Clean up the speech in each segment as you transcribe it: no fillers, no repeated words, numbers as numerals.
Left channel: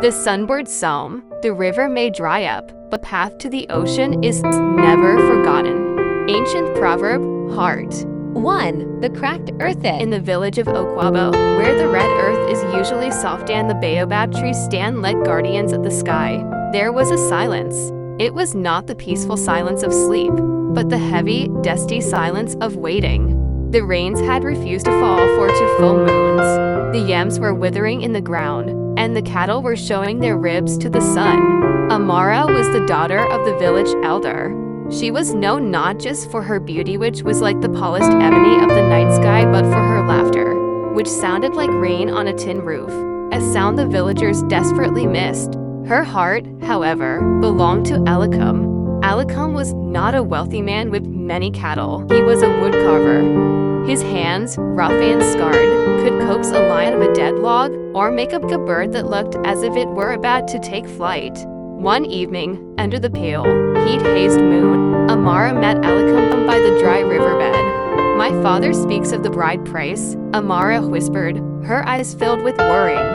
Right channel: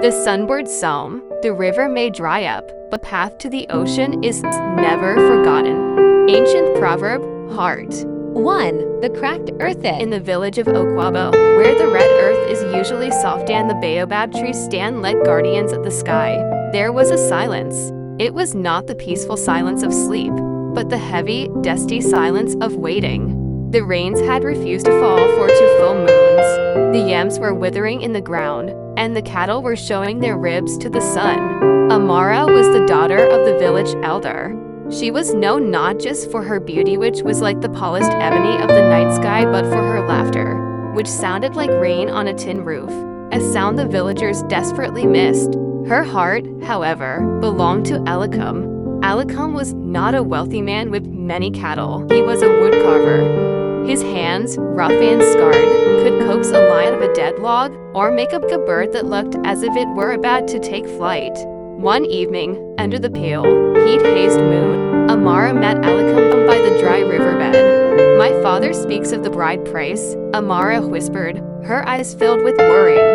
The sunbirds psalm. The river may dry up, but path to the ocean is never forgotten. Ancient proverb, heart. 1. The cracked earth In the village of Okwabo, where the red earth is usually soft and the baobab trees stand like guardians of the sky, there was a silence. It was not the peaceful silence of sleep, but the heavy, dusty silence of waiting. The rains had refused to fall for 2 full moons. The yams were withering in the ground, and the cattle were showing their ribs to the sun. Amara was the daughter of the village elder. She was known not just for her beauty, which was like the polished ebony of the night sky, but for her laughter, which sounded like rain on a tin roof, a sound the villagers desperately missed. Her heart, however, belonged to Elikum. Elikum was not a wealthy man with many cattle. He was a woodcarver. His hands, rough and scarred, could coax a lion out of a dead log or make up a bird that looked as if it were about to take flight. One evening, under the pale, heat-hazed moon, Amara met Elikum by the dry riverbed. "My father speaks of the bride price," Amara whispered, her eyes filled with worrying.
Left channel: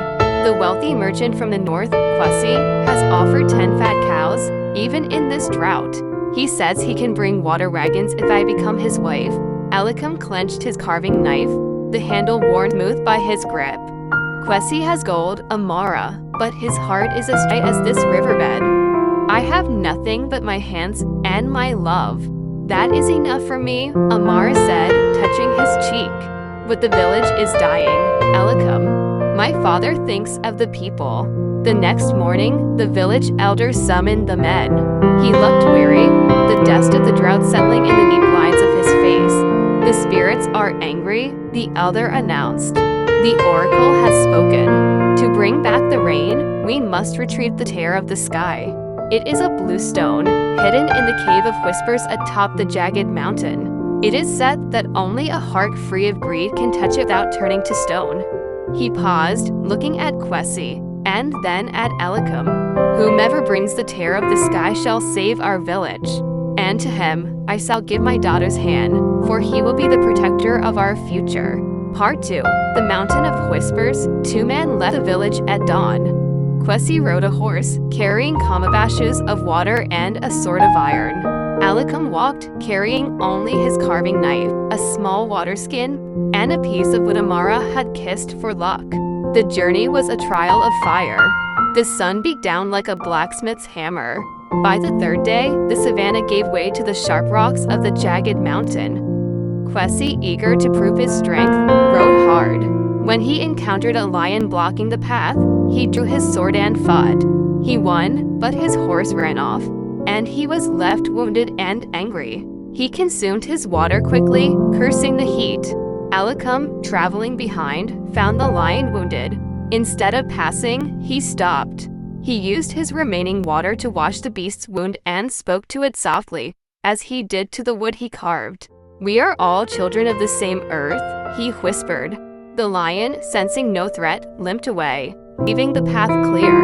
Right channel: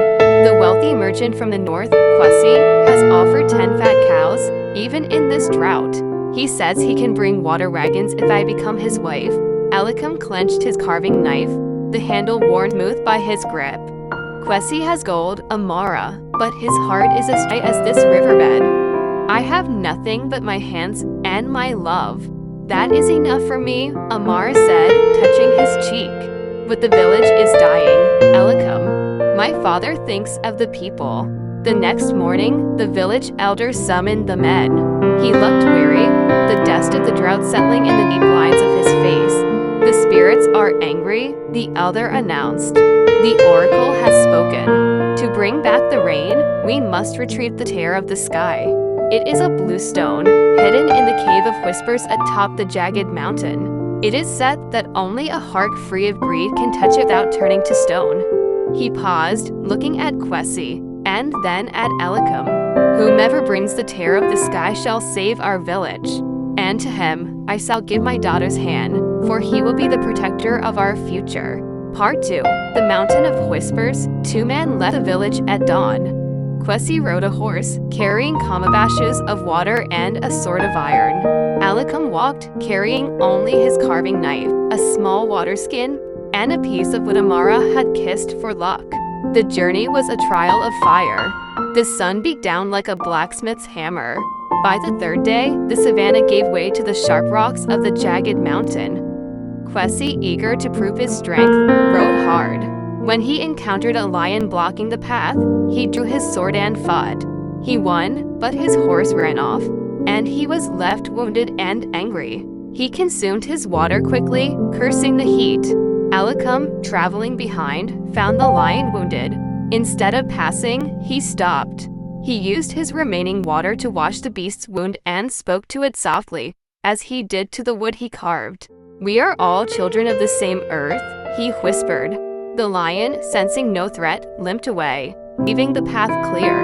"The wealthy merchant from the north, Kwesi, has offered 10 fat cows, even in this drought. He says he can bring water wagons if I become his wife." Elikum clenched his carving knife, the handle worn smooth by his grip. "Kwesi has gold, Amara, but his heart is as dry as this riverbed. I have nothing but my hands and my love. That is enough for me," Amara said, touching his cheek. "But the village is dying, Elikum. My father thinks of the people." The next morning, the village elder summoned the men. He looked weary, the dust of the drought settling in the deep lines of his face. "The spirits are angry," the elder announced. "The oracle has spoken. To bring back the rain, we must retrieve the tear of the sky. It is a blue stone, hidden in the cave of whispers atop the jagged mountain. It is said that only a heart free of greed can touch it without turning to stone." He paused, looking at Kwesi, and then at Elikum. "Whomever brings the tear of the sky shall save our village. And to him I shall give my daughter's hand, for he will be the protector of our future." Part 2. The Mountain of Whispers. 2 men left the village at dawn. Kwesi rode a horse, carrying calabashes of water and a sword of iron. Elikum walked, carrying only his carving knife, a small water skin, and a piece of wood Amara had kissed for luck. The journey was a trial of fire. The sun beat down like a blacksmith's hammer. By the 3rd day, the savannah gave way to the sharp rocks of the jagged mountain. Kwesi, eager to prove his strength, rode hard. When he encountered a lion blocking the path, he drew his sword and fought. He won, but his horse ran off, and he was left wounded and angry. He consumed his water quickly, cursing the heat. Elikum, traveling behind, found the lion wounded. Instead of passing, he stopped. He used his remaining water to wash the beast's wound and spoke to it softly, as he did to the wood he carved. "We are all children of the same earth," he whispered. The lion, sensing no threat, limped away, leaving the path clear.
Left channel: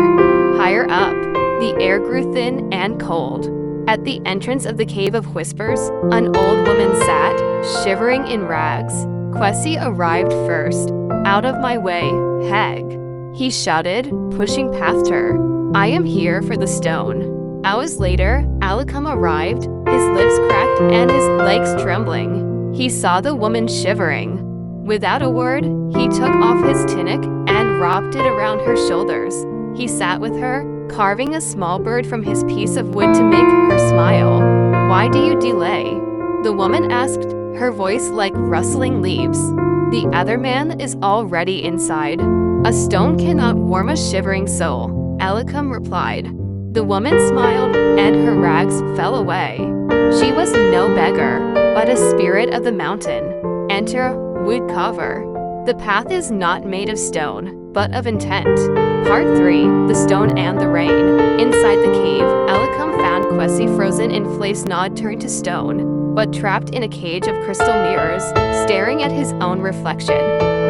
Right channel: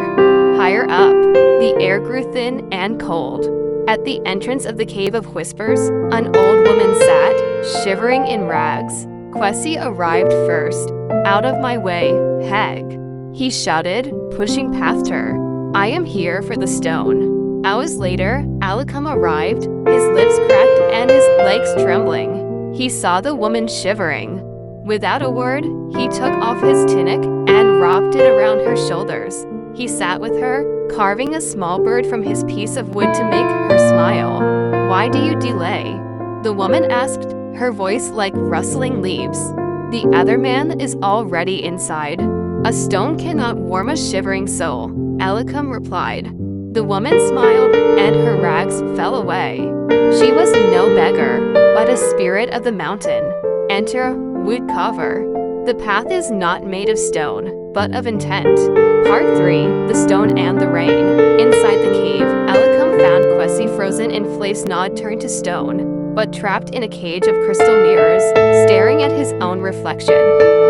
Higher up, the air grew thin and cold. At the entrance of the Cave of Whispers, an old woman sat, shivering in rags. Kwesi arrived first. "Out of my way, hag," he shouted, pushing past her. "I am here for the stone." Hours later, Elikum arrived, his lips cracked and his legs trembling. He saw the woman shivering. Without a word, he took off his tunic and wrapped it around her shoulders. He sat with her, carving a small bird from his piece of wood to make her smile. "Why do you delay?" the woman asked, her voice like rustling leaves. "The other man is already inside. A stone cannot warm a shivering soul," Elikum replied. The woman smiled, and her rags fell away. She was no beggar, but a spirit of the mountain. Enter woodcarver. The path is not made of stone, but of intent. Part 3. The Stone and the Rain. Inside the cave, Elikum found Kwesi frozen in place, not turned to stone, but trapped in a cage of crystal mirrors, staring at his own reflection,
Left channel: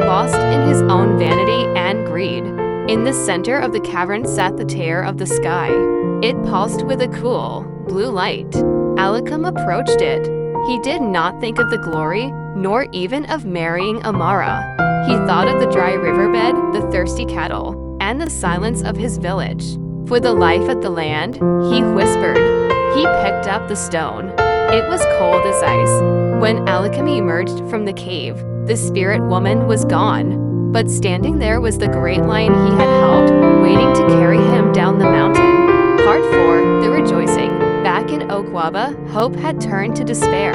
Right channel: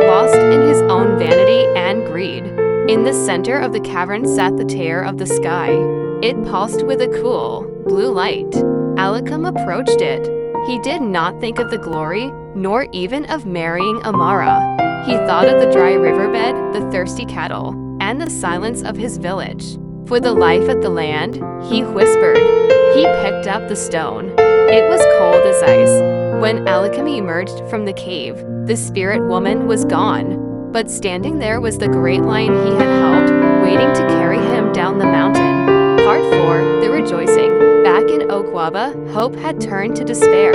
lost in his own vanity and greed. In the center of the cavern sat the tear of the sky. It pulsed with a cool, blue light. Elikum approached it. He did not think of the glory, nor even of marrying Amara. He thought of the dry riverbed, the thirsty cattle, and the silence of his village. For the life of the land, he whispered. He picked up the stone. It was cold as ice. When Alicum emerged from the cave, the spirit woman was gone. But standing there was the great lion he had helped, waiting to carry him down the mountain. Part 4, The Rejoicing. Back in Okwaba, hope had turned to despair.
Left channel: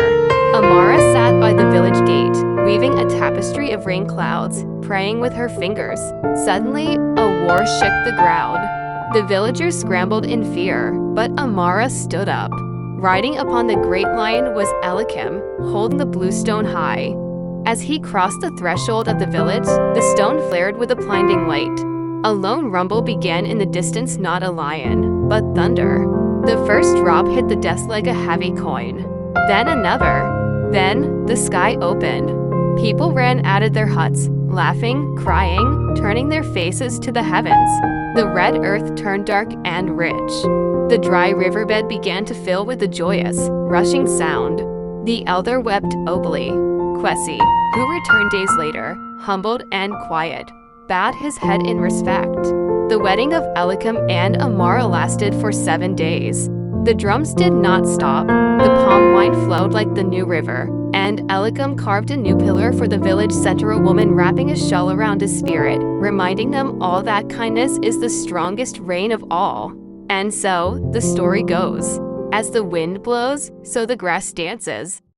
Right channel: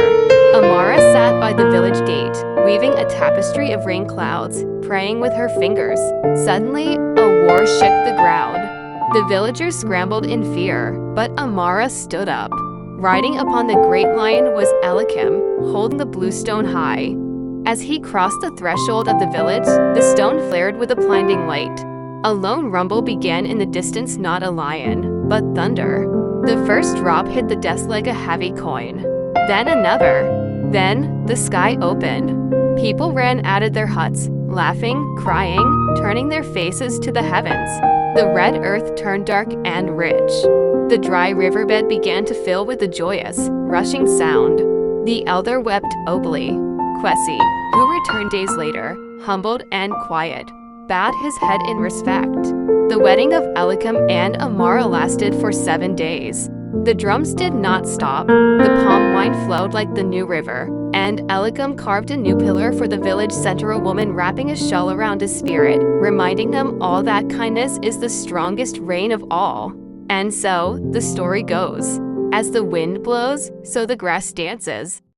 Amara sat by the village gate, weaving a tapestry of rain clouds, praying with her fingers. Suddenly, a war shook the ground. The villagers scrambled in fear, but Amara stood up. Riding upon the great lion was Alicum, holding the blue stone high. As he crossed the threshold of the village, the stone flared with a blinding light. A lone rumble began in the distance, not a lion, but thunder. The first drop hit the desk like a heavy coin. Then another. Then the sky opened. People ran out of their huts, laughing, crying, turning their faces to the heavens. The red earth turned dark and rich. The dry riverbed began to fill with a joyous, rushing sound. The elder wept obly. Kwesi, who returned days later, humbled and quiet, bowed his head in respect. The wedding of Alicum and Amara lasted for 7 days. The drums did not stop. The palm wine flowed like the new river, and Alicum carved a new pillar for the village center, a woman wrapping a shawl around his spirit, reminding them all that kindness is the strongest reign of all. And so, the story goes, as the wind blows, so the grass dances.